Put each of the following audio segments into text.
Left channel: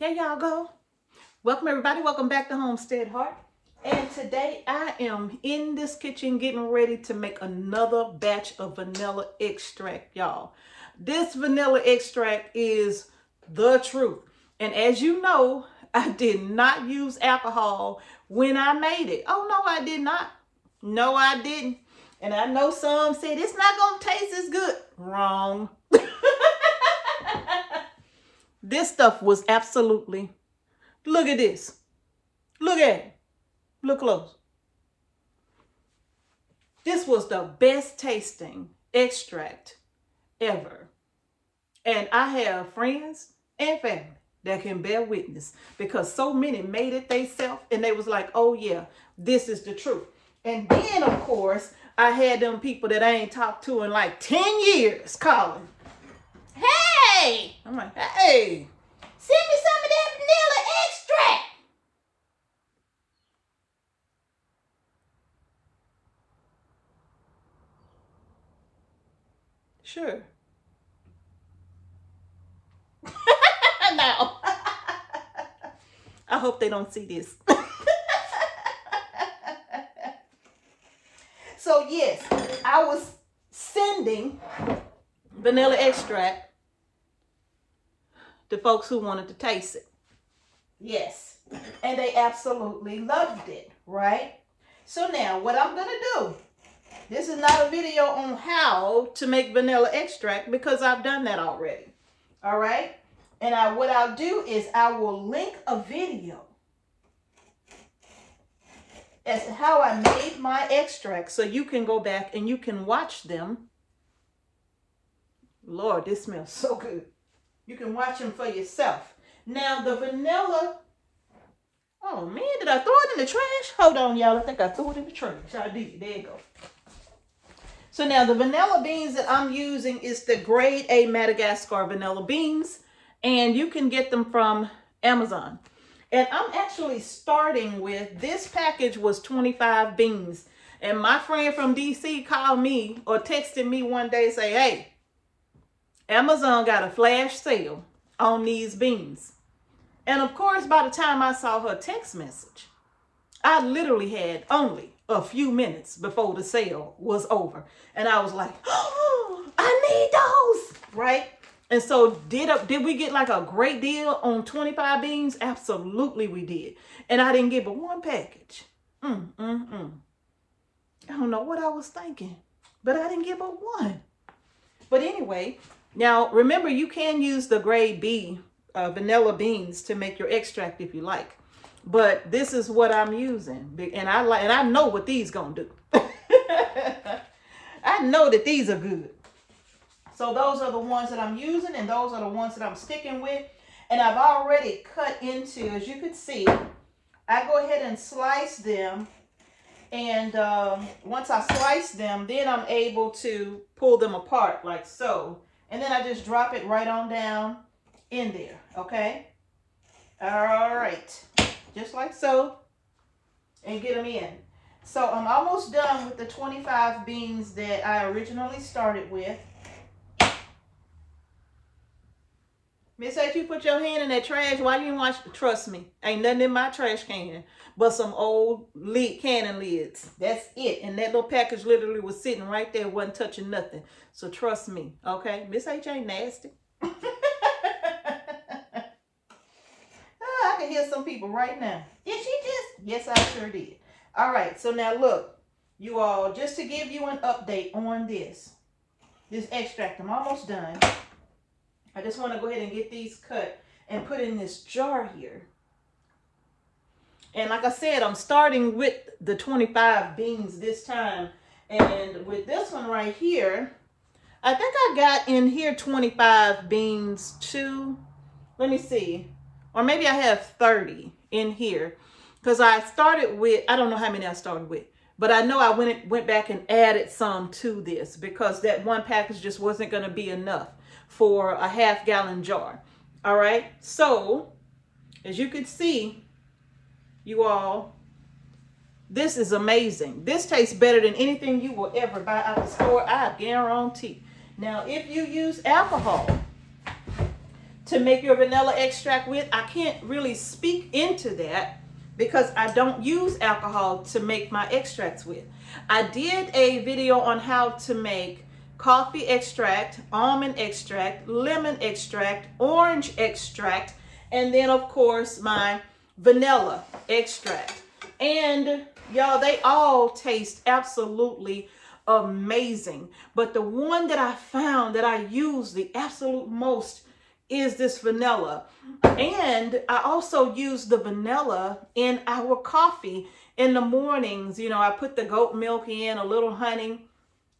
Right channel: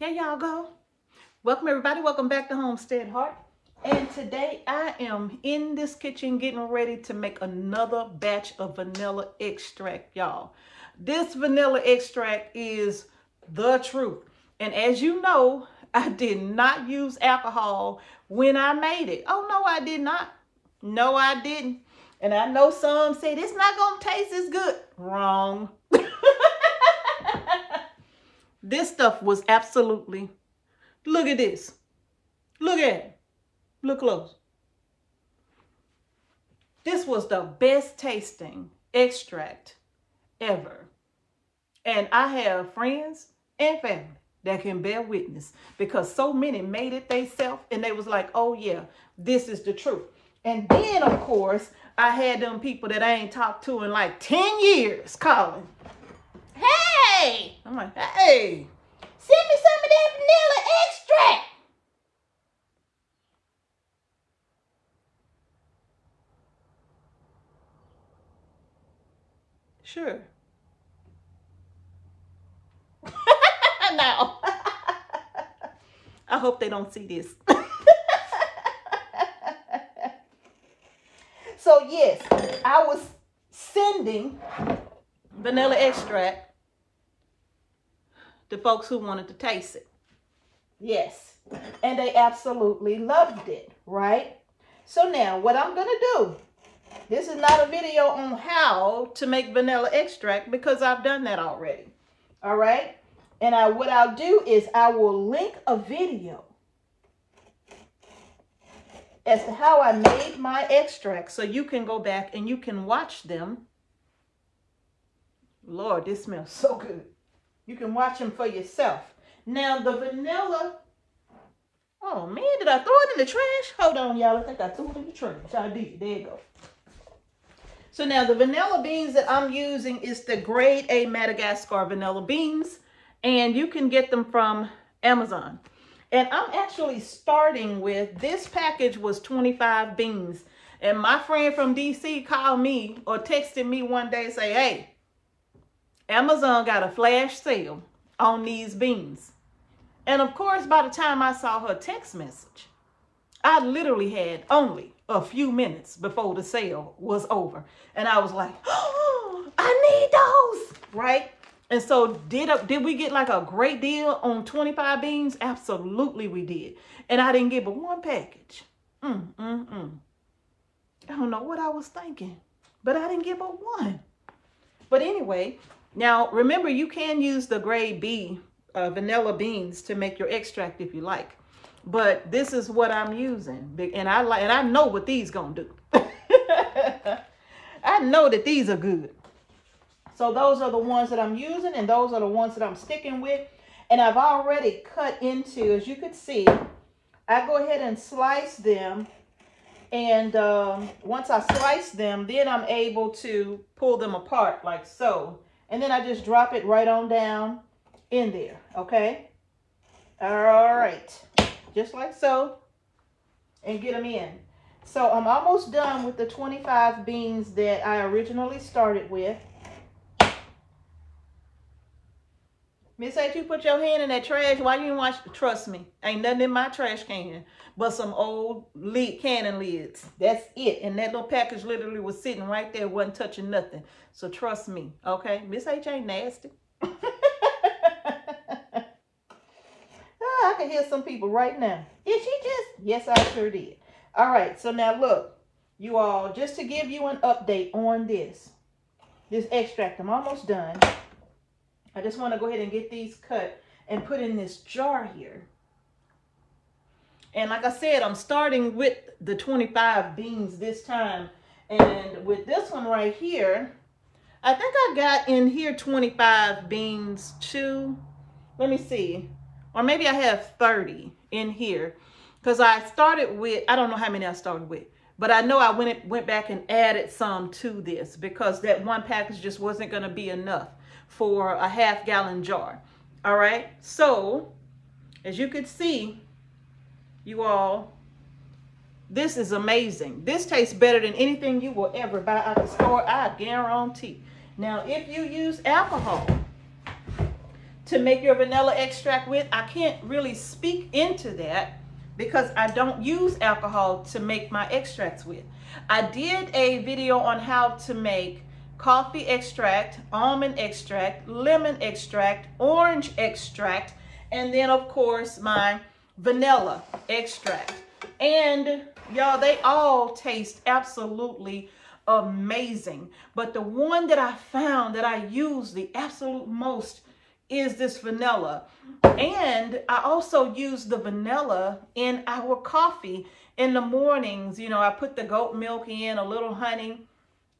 There y'all go. Welcome everybody. Welcome back to Homestead Heart. And today I am in this kitchen getting ready to make another batch of vanilla extract, y'all. This vanilla extract is the truth. And as you know, I did not use alcohol when I made it. Oh, no, I did not. No, I didn't. And I know some said it's not going to taste as good. Wrong. This stuff was absolutely, look at this. Look at it. Look close. This was the best tasting extract ever. And I have friends and family that can bear witness because so many made it themselves and they was like, oh yeah, this is the truth. And then of course, I had them people that I ain't talked to in like 10 years calling. Hey! I'm like, hey, send me some of that vanilla extract. Sure. Now, I hope they don't see this. So yes, I was sending vanilla extract to folks who wanted to taste it. Yes, and they absolutely loved it, right? So now what I'm gonna do, this is not a video on how to make vanilla extract because I've done that already, all right? And what I'll do is I will link a video as to how I made my extract so you can go back and you can watch them. Lord, this smells so good. You can watch them for yourself. Now the vanilla, oh man, did I throw it in the trash? Hold on, y'all, I think I threw it in the trash. I did, there you go. So now the vanilla beans that I'm using is the grade A Madagascar vanilla beans. And you can get them from Amazon. And I'm actually starting with, this package was 25 beans. And my friend from DC called me or texted me one day and say, hey, Amazon got a flash sale on these beans. And of course, by the time I saw her text message, I literally had only a few minutes before the sale was over. And I was like, oh, I need those, right? And so did we get like a great deal on 25 beans? Absolutely we did. And I didn't get but one package. I don't know what I was thinking, but I didn't get but one. But anyway, now remember you can use the grade B vanilla beans to make your extract if you like. But this is what I'm using. And I know what these gonna do. I know that these are good. So those are the ones that I'm using and those are the ones that I'm sticking with. And I've already cut into, as you can see, I go ahead and slice them. And once I slice them, then I'm able to pull them apart like so. And then I just drop it right on down in there, okay? All right, just like so, and get them in. So I'm almost done with the 25 beans that I originally started with. Miss H, you put your hand in that trash. Why you didn't watch? Trust me, ain't nothing in my trash can but some old cannon lids. That's it. And that little package literally was sitting right there, wasn't touching nothing. So trust me, okay? Miss H ain't nasty. I can hear some people right now. Did she just? Yes, I sure did. All right, so now look, you all, just to give you an update on this extract, I'm almost done. I just want to go ahead and get these cut and put in this jar here. And like I said, I'm starting with the 25 beans this time. And with this one right here, I think I got in here 25 beans too. Let me see. Or maybe I have 30 in here. Because I started with, I don't know how many I started with. But I know I went back and added some to this because that one package just wasn't going to be enough for a half-gallon jar. All right. So as you can see, you all, this is amazing. This tastes better than anything you will ever buy at the store. I guarantee. Now, if you use alcohol to make your vanilla extract with. I can't really speak into that because I don't use alcohol to make my extracts with. I did a video on how to make coffee extract, almond extract, lemon extract, orange extract, and then of course my vanilla extract. And y'all, they all taste absolutely amazing. But the one that I found that I use the absolute most is this vanilla. And I also use the vanilla in our coffee in the mornings. You know, I put the goat milk in, a little honey.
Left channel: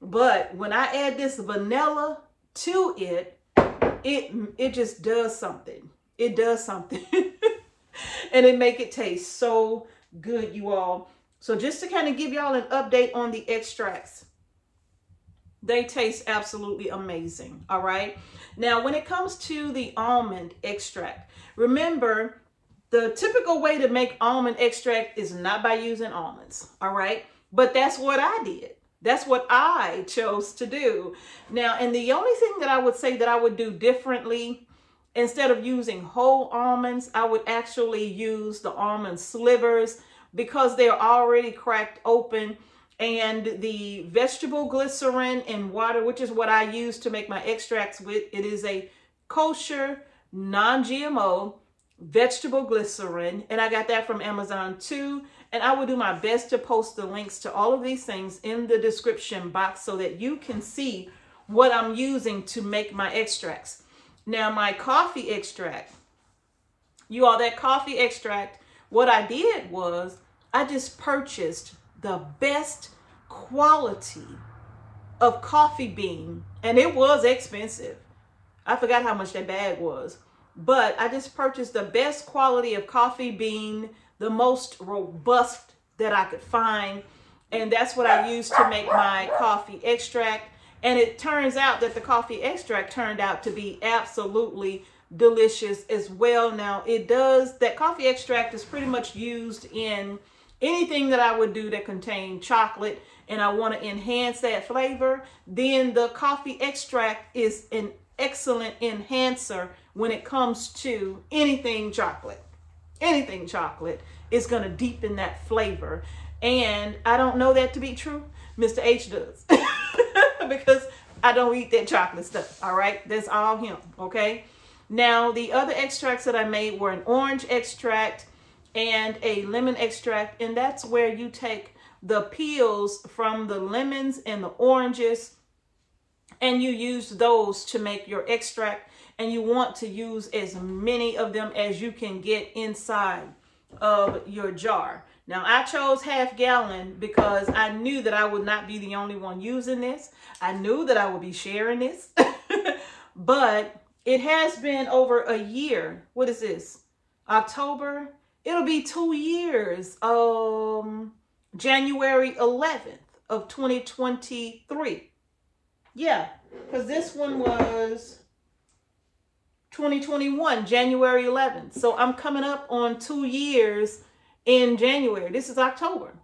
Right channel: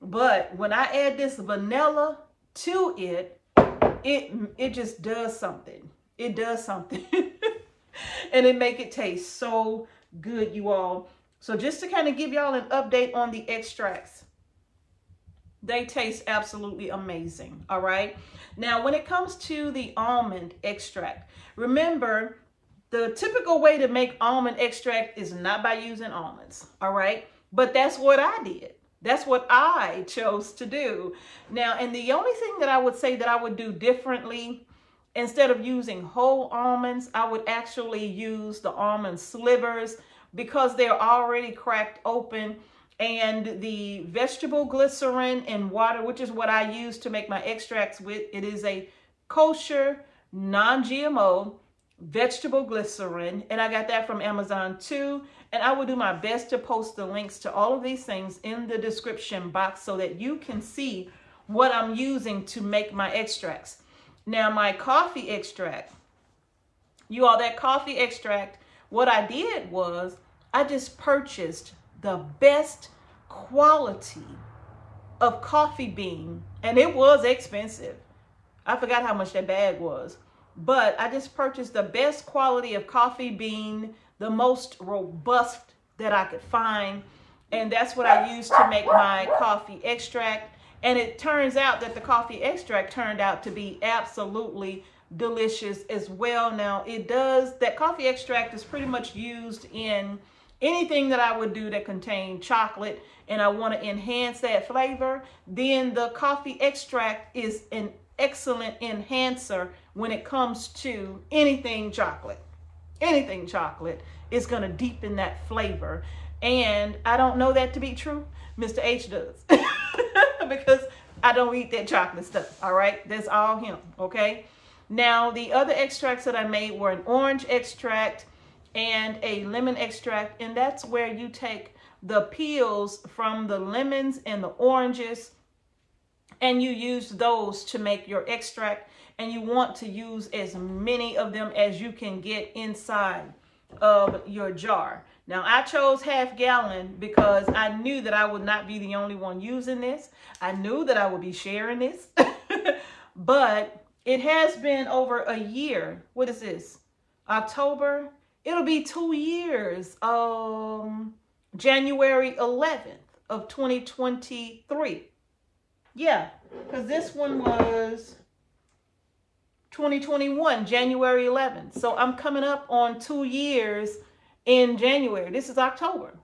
But when I add this vanilla to it, it just does something. It does something. And it make it taste so good, you all. So just to kind of give y'all an update on the extracts, they taste absolutely amazing. All right. Now, when it comes to the almond extract, remember the typical way to make almond extract is not by using almonds. All right. But that's what I did. That's what I chose to do. Now, and the only thing that I would say that I would do differently, instead of using whole almonds, I would actually use the almond slivers because they're already cracked open. And the vegetable glycerin and water, which is what I use to make my extracts with, it is a kosher, non-GMO vegetable glycerin. And I got that from Amazon too. And I will do my best to post the links to all of these things in the description box so that you can see what I'm using to make my extracts. Now, my coffee extract, you all, that coffee extract, what I did was I just purchased the best quality of coffee bean, and it was expensive. I forgot how much that bag was, but I just purchased the best quality of coffee bean, the most robust that I could find, and that's what I used to make my coffee extract. And it turns out that the coffee extract turned out to be absolutely delicious as well. Now, that coffee extract is pretty much used in anything that I would do that contain chocolate and I want to enhance that flavor, then the coffee extract is an excellent enhancer when it comes to anything chocolate. Anything chocolate is going to deepen that flavor. And I don't know that to be true. Mr. H does. Because I don't eat that chocolate stuff. All right. That's all him. Okay. Now, the other extracts that I made were an orange extract and a lemon extract. And that's where you take the peels from the lemons and the oranges and you use those to make your extract. And you want to use as many of them as you can get inside of your jar. Now, I chose half gallon because I knew that I would not be the only one using this. I knew that I would be sharing this, but it has been over a year. What is this? October? It'll be 2 years. January 11th of 2023. Yeah, because this one was 2021, January 11th. So I'm coming up on 2 years in January. This is October.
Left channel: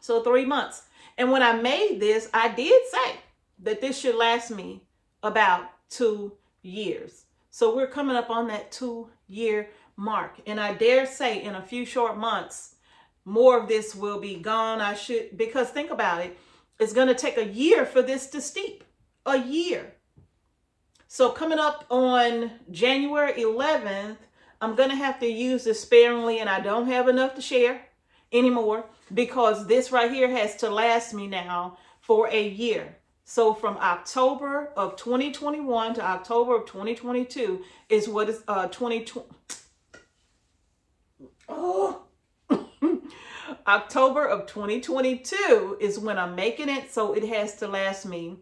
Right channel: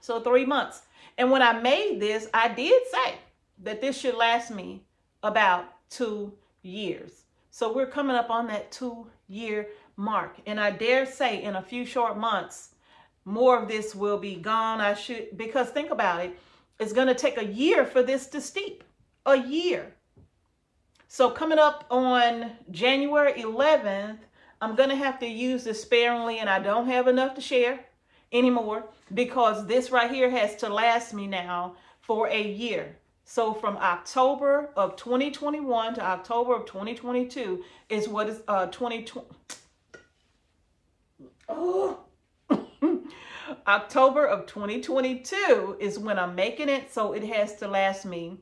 So 3 months. And when I made this, I did say that this should last me about 2 years. So we're coming up on that 2-year mark. And I dare say in a few short months, more of this will be gone. Because think about it. It's going to take a year for this to steep. A year. So coming up on January 11th, I'm going to have to use this sparingly, and I don't have enough to share anymore because this right here has to last me now for a year. So from October of 2021 to October of 2022 is what is 2020. Oh. October of 2022 is when I'm making it. So it has to last me.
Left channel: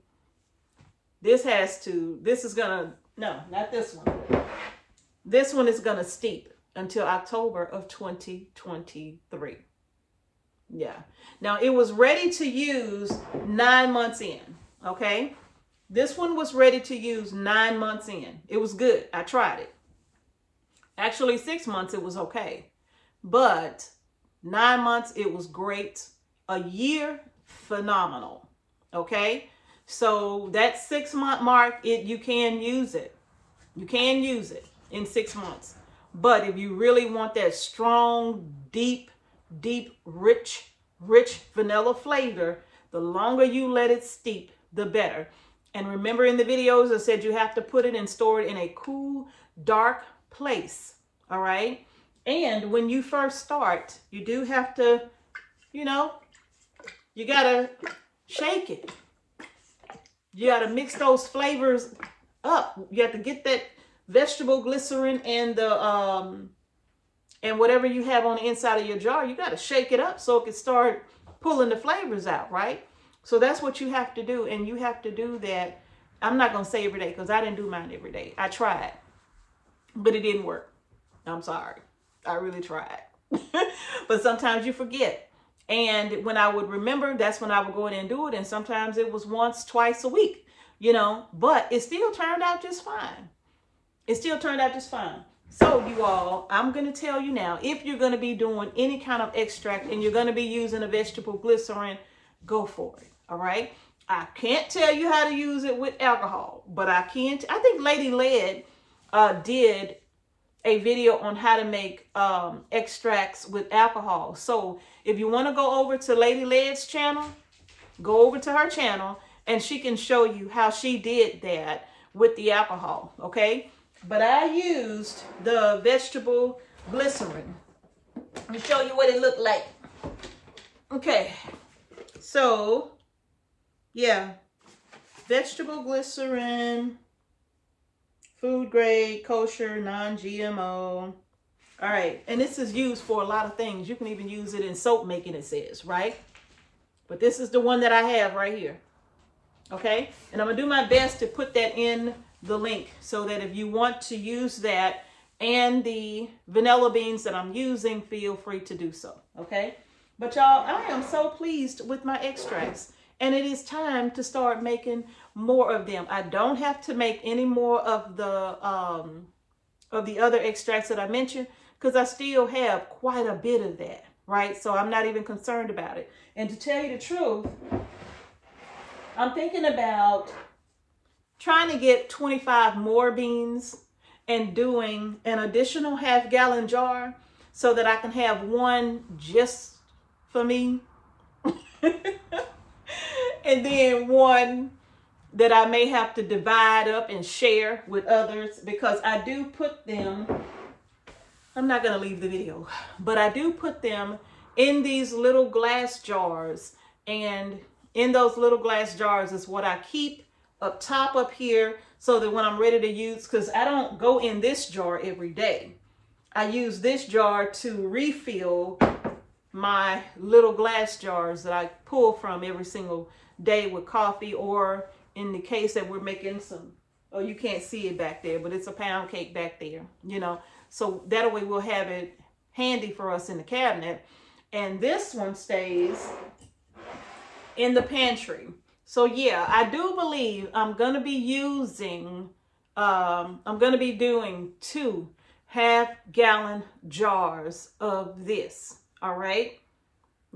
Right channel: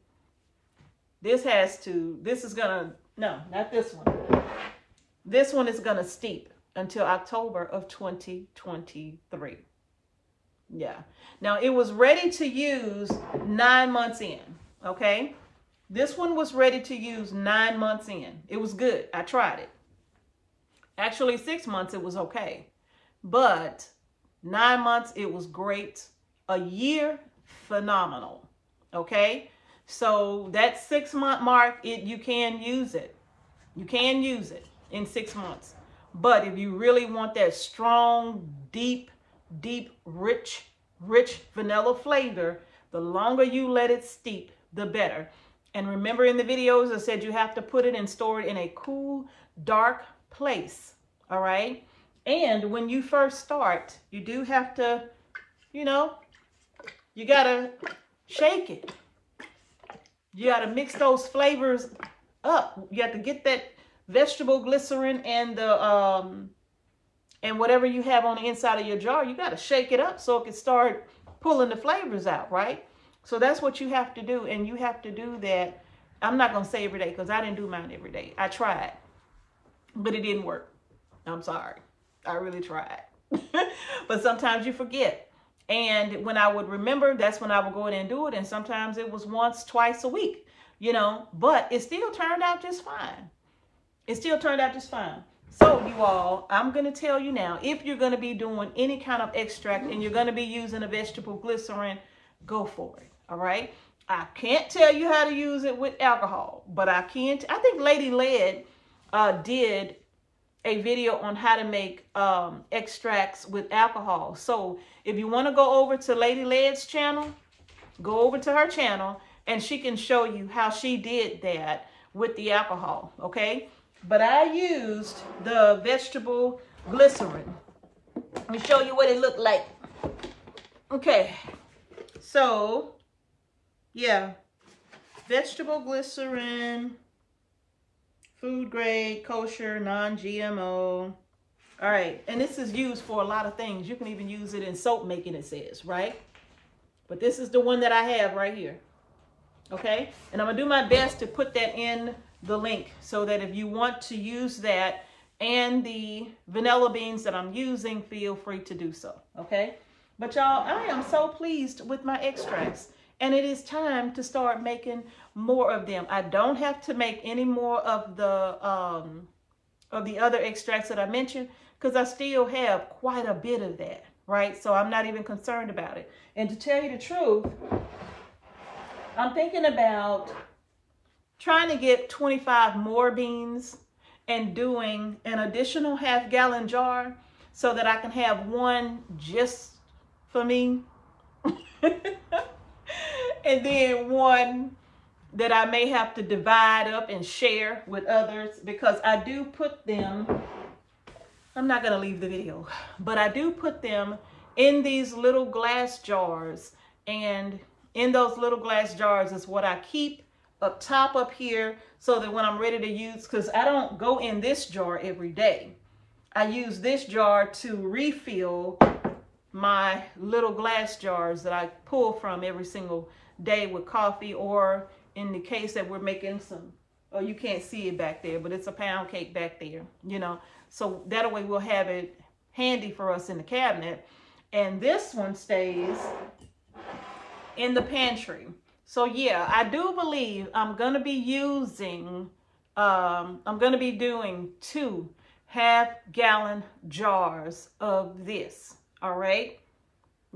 This is gonna, no, not this one. This one is gonna steep until October of 2023. Yeah. Now it was ready to use 9 months in. Okay. This one was ready to use 9 months in. It was good. I tried it. Actually 6 months it was okay. But 9 months it was great. A year, phenomenal. Okay. So that 6 month mark, you can use it. You can use it in 6 months. But if you really want that strong, deep, rich vanilla flavor, the longer you let it steep, the better. And remember in the videos, I said you have to put it and store it in a cool, dark place. All right. And when you first start, you do have to, you know, you got to shake it. You got to mix those flavors up. You have to get that vegetable glycerin and the and whatever you have on the inside of your jar. You got to shake it up so it can start pulling the flavors out, right? So that's what you have to do. And you have to do that. I'm not going to say every day because I didn't do mine every day. I tried, but it didn't work. I'm sorry. I really tried. But sometimes you forget. And when I would remember, that's when I would go in and do it. And sometimes it was once, twice a week, you know, but it still turned out just fine. It still turned out just fine. So you all, I'm going to tell you now, if you're going to be doing any kind of extract and you're going to be using a vegetable glycerin, go for it. All right. I can't tell you how to use it with alcohol, but I can. I think Lady Lead did a video on how to make extracts with alcohol. So if you want to go over to Lady Lead's channel, go over to her channel and she can show you how she did that with the alcohol. Okay. But I used the vegetable glycerin. Let me show you what it looked like. Okay. So yeah, vegetable glycerin, food grade, kosher, non-GMO. All right. And this is used for a lot of things. You can even use it in soap making, it says, right? But this is the one that I have right here. Okay. And I'm going to do my best to put that in the link so that if you want to use that and the vanilla beans that I'm using, feel free to do so. Okay. But y'all, I am so pleased with my extracts. And it is time to start making more of them. I don't have to make any more of the other extracts that I mentioned because I still have quite a bit of that, right? So I'm not even concerned about it. And to tell you the truth, I'm thinking about trying to get 25 more beans and doing an additional half-gallon jar so that I can have one just for me. And then one that I may have to divide up and share with others because I do put them, I'm not going to leave the video, but I do put them in these little glass jars. And in those little glass jars is what I keep up top up here so that when I'm ready to use, because I don't go in this jar every day. I use this jar to refill my little glass jars that I pull from every single day with coffee, or in the case that we're making some, oh, you can't see it back there, but it's a pound cake back there, you know, so that way we'll have it handy for us in the cabinet. And this one stays in the pantry. So yeah, I do believe I'm going to be using, I'm going to be doing 2 half-gallon jars of this. All right.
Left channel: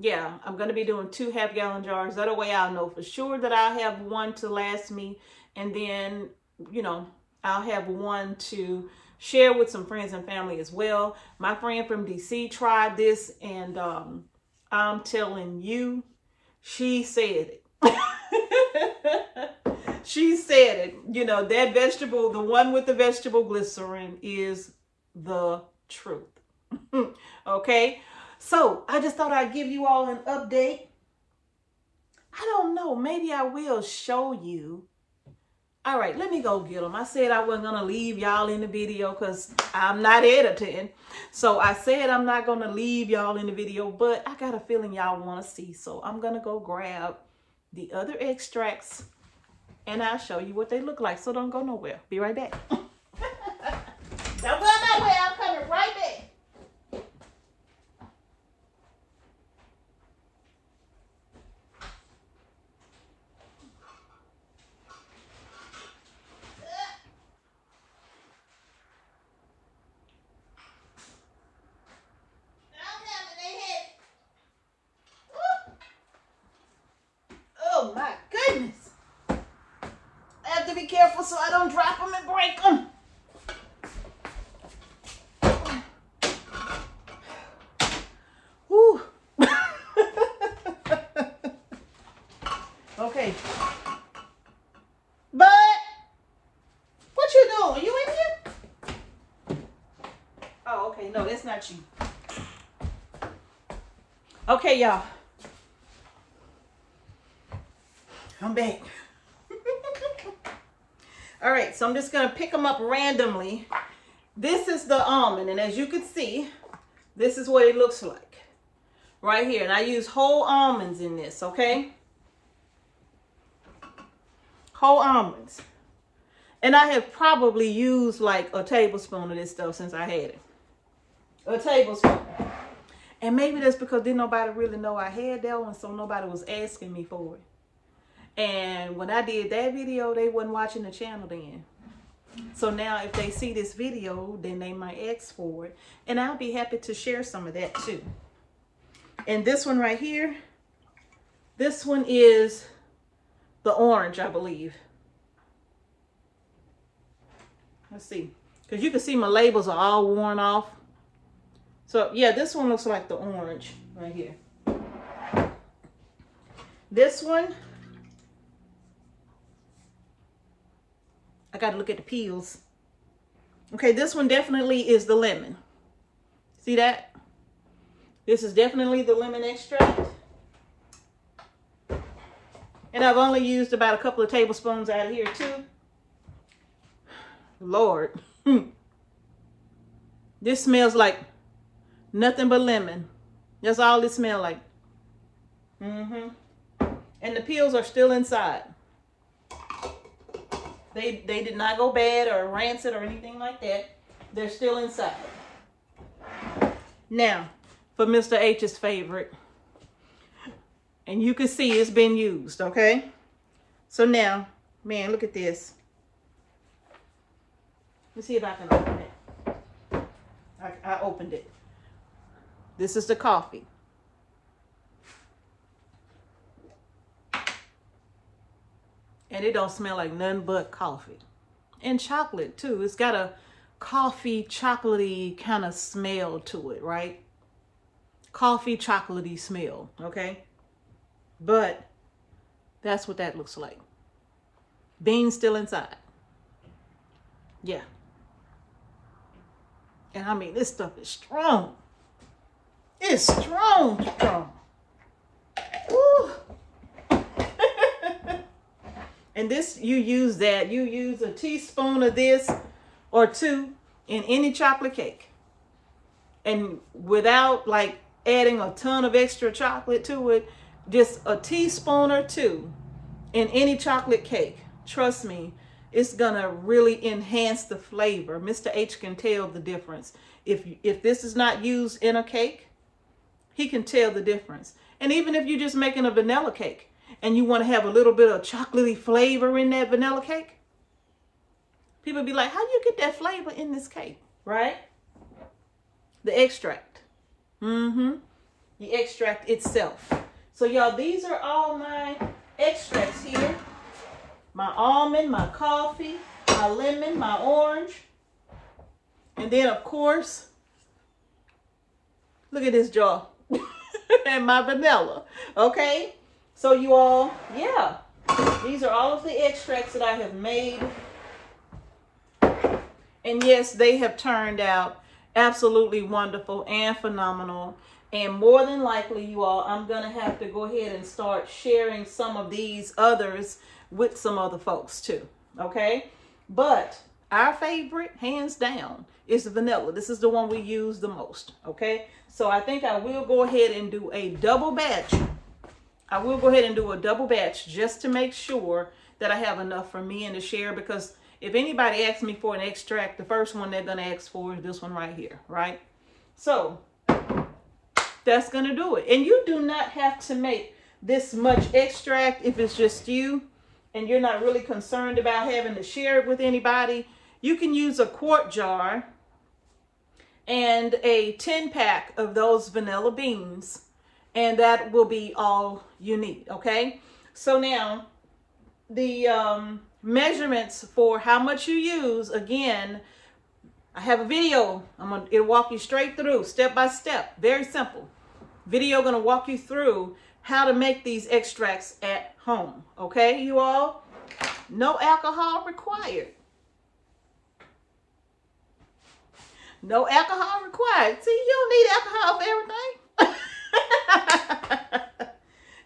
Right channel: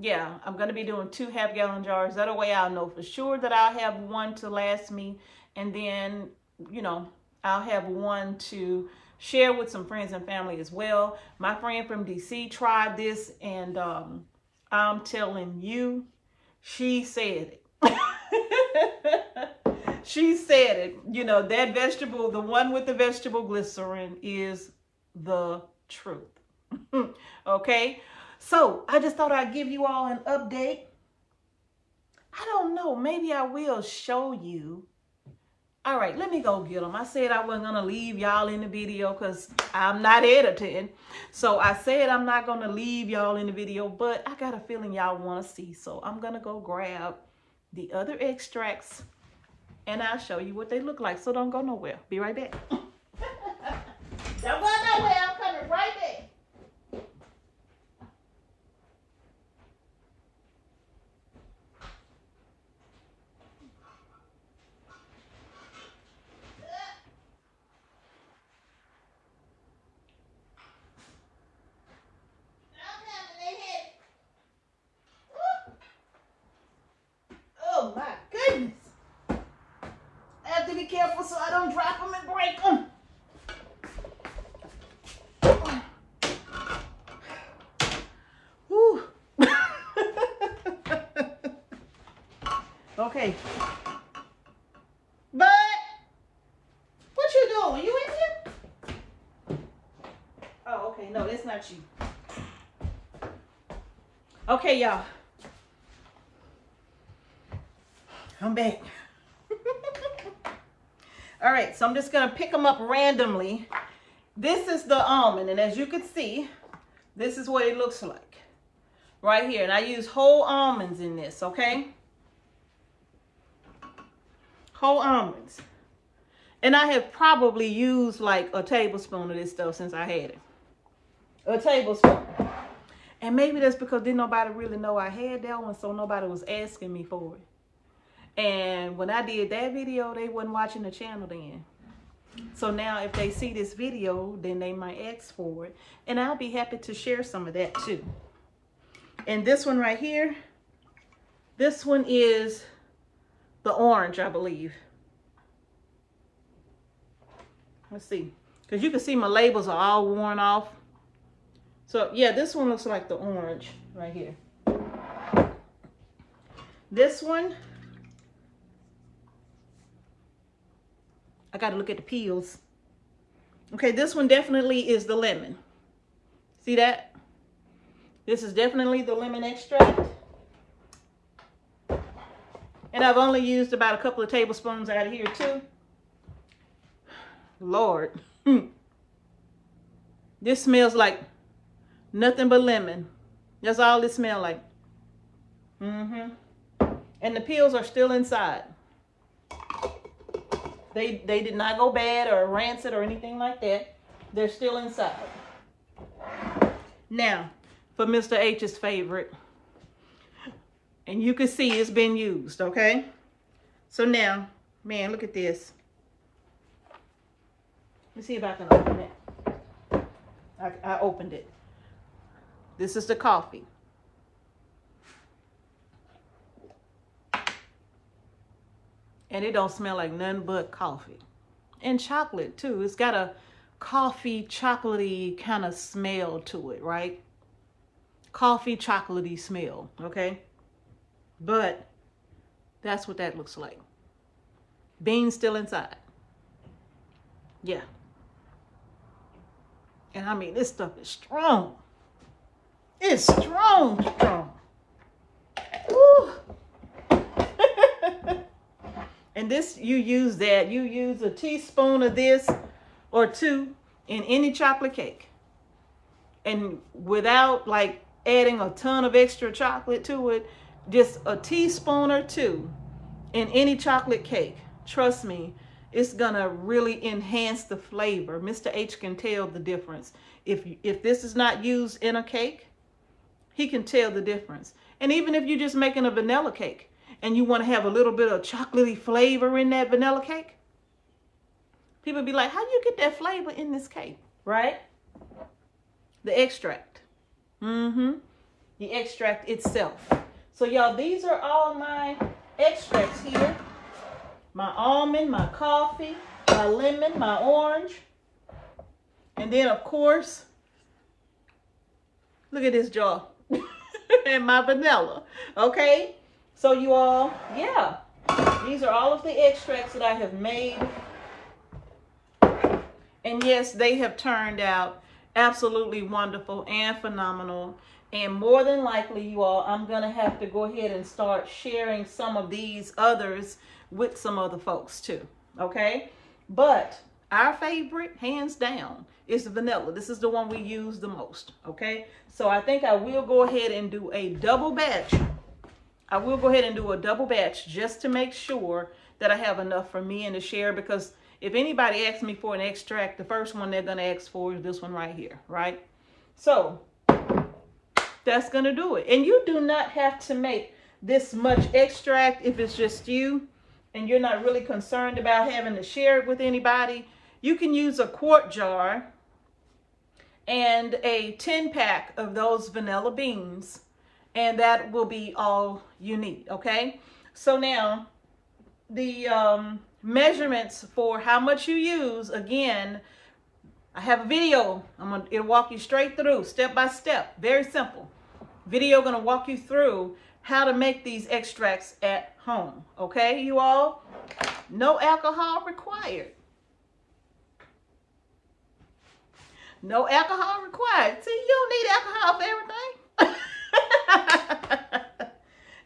Yeah, I'm going to be doing 2 half-gallon jars. That way I'll know for sure that I'll have one to last me. And then, you know, I'll have one to share with some friends and family as well. My friend from DC tried this and I'm telling you, she said it. She said it. You know, that vegetable, the one with the vegetable glycerin is the truth. Okay. So I just thought I'd give you all an update. I don't know. Maybe I will show you. All right, let me go get them. I said I wasn't going to leave y'all in the video because I'm not editing. So I said I'm not going to leave y'all in the video, but I got a feeling y'all want to see. So I'm going to go grab the other extracts and I'll show you what they look like. So don't go nowhere. Be right back. Don't go nowhere. I'm coming right back. Oh my goodness. I have to be careful so I don't drop them and break them. Okay. But what you doing? You in here? Oh, okay. No, that's not you. Okay, y'all. I'm back. All right, so I'm just gonna pick them up randomly. This is the almond, and as you can see, this is what it looks like right here. And I use whole almonds in this, okay? Whole almonds. And I have probably used like a tablespoon of this stuff since I had it. A tablespoon. And maybe that's because didn't nobody really know I had that one, so nobody was asking me for it. And when I did that video, they wasn't watching the channel then. So now if they see this video, then they might ask for it. And I'll be happy to share some of that too. And this one right here, this one is the orange, I believe. Let's see. Because you can see my labels are all worn off. So yeah, this one looks like the orange right here. This one, I got to look at the peels. Okay, this one definitely is the lemon. See that? This is definitely the lemon extract. And I've only used about a couple of tablespoons out of here too. Lord. This smells like nothing but lemon. That's all it smells like. And the peels are still inside. They did not go bad or rancid or anything like that. They're still inside. Now, for Mr. H's favorite. And you can see it's been used, okay? So man, look at this. Let's see if I can open it. I opened it. This is the coffee. And it don't smell like nothing but coffee. And chocolate too. It's got a coffee chocolatey kind of smell to it, right? Coffee chocolatey smell, okay? But that's what that looks like. Beans still inside. Yeah. And I mean, this stuff is strong. It's strong. Woo. And this, you use a teaspoon of this or two in any chocolate cake. And without like adding a ton of extra chocolate to it, just a teaspoon or two in any chocolate cake. Trust me, it's gonna really enhance the flavor. Mr. H can tell the difference. If this is not used in a cake, he can tell the difference. And even if you're just making a vanilla cake and you want to have a little bit of chocolatey flavor in that vanilla cake, people be like, how do you get that flavor in this cake, right? The extract. The extract itself. So y'all, these are all my extracts here. My almond, my coffee, my lemon, my orange. And then of course, look at this jar. And my vanilla, okay? So you all, yeah, these are all of the extracts that I have made. And yes, they have turned out absolutely wonderful and phenomenal. And more than likely, you all, I'm going to have to go ahead and start sharing some of these others with some other folks too, okay? But our favorite, hands down, is the vanilla. This is the one we use the most, okay? So I think I will go ahead and do a double batch. I will go ahead and do a double batch just to make sure that I have enough for me and to share, because if anybody asks me for an extract, the first one they're going to ask for is this one right here, right? So that's going to do it. And you do not have to make this much extract if it's just you and you're not really concerned about having to share it with anybody. You can use a quart jar and a 10-pack of those vanilla beans, and that will be all you need, okay? So now the measurements for how much you use, again, I have a video. It'll walk you straight through, step by step, very simple. Video gonna walk you through how to make these extracts at home. home. Okay, you all? No alcohol required. No alcohol required. See, you don't need alcohol for everything.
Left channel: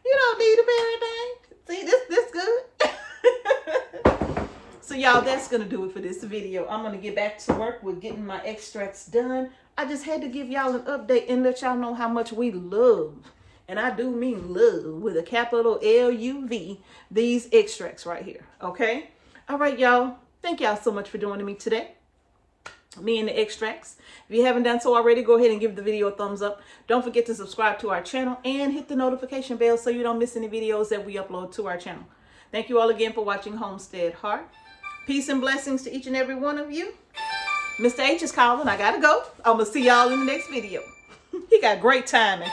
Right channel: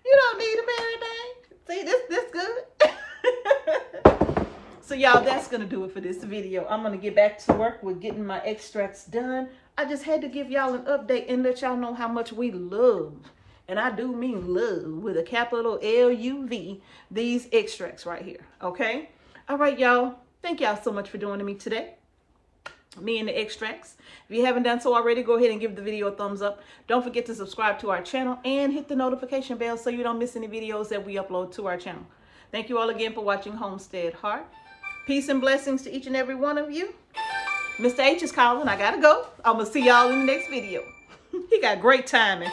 You don't need it for everything. See, this good. So y'all, that's going to do it for this video. I'm going to get back to work with getting my extracts done. I just had to give y'all an update and let y'all know how much we love, and I do mean love with a capital L-U-V, these extracts right here. Okay? All right, y'all. Thank y'all so much for joining me today. Me and the extracts. If you haven't done so already, go ahead and give the video a thumbs up. Don't forget to subscribe to our channel and hit the notification bell so you don't miss any videos that we upload to our channel. Thank you all again for watching Homestead Heart. Peace and blessings to each and every one of you. Mr. H is calling. I gotta go. I'm gonna see y'all in the next video. He got great timing.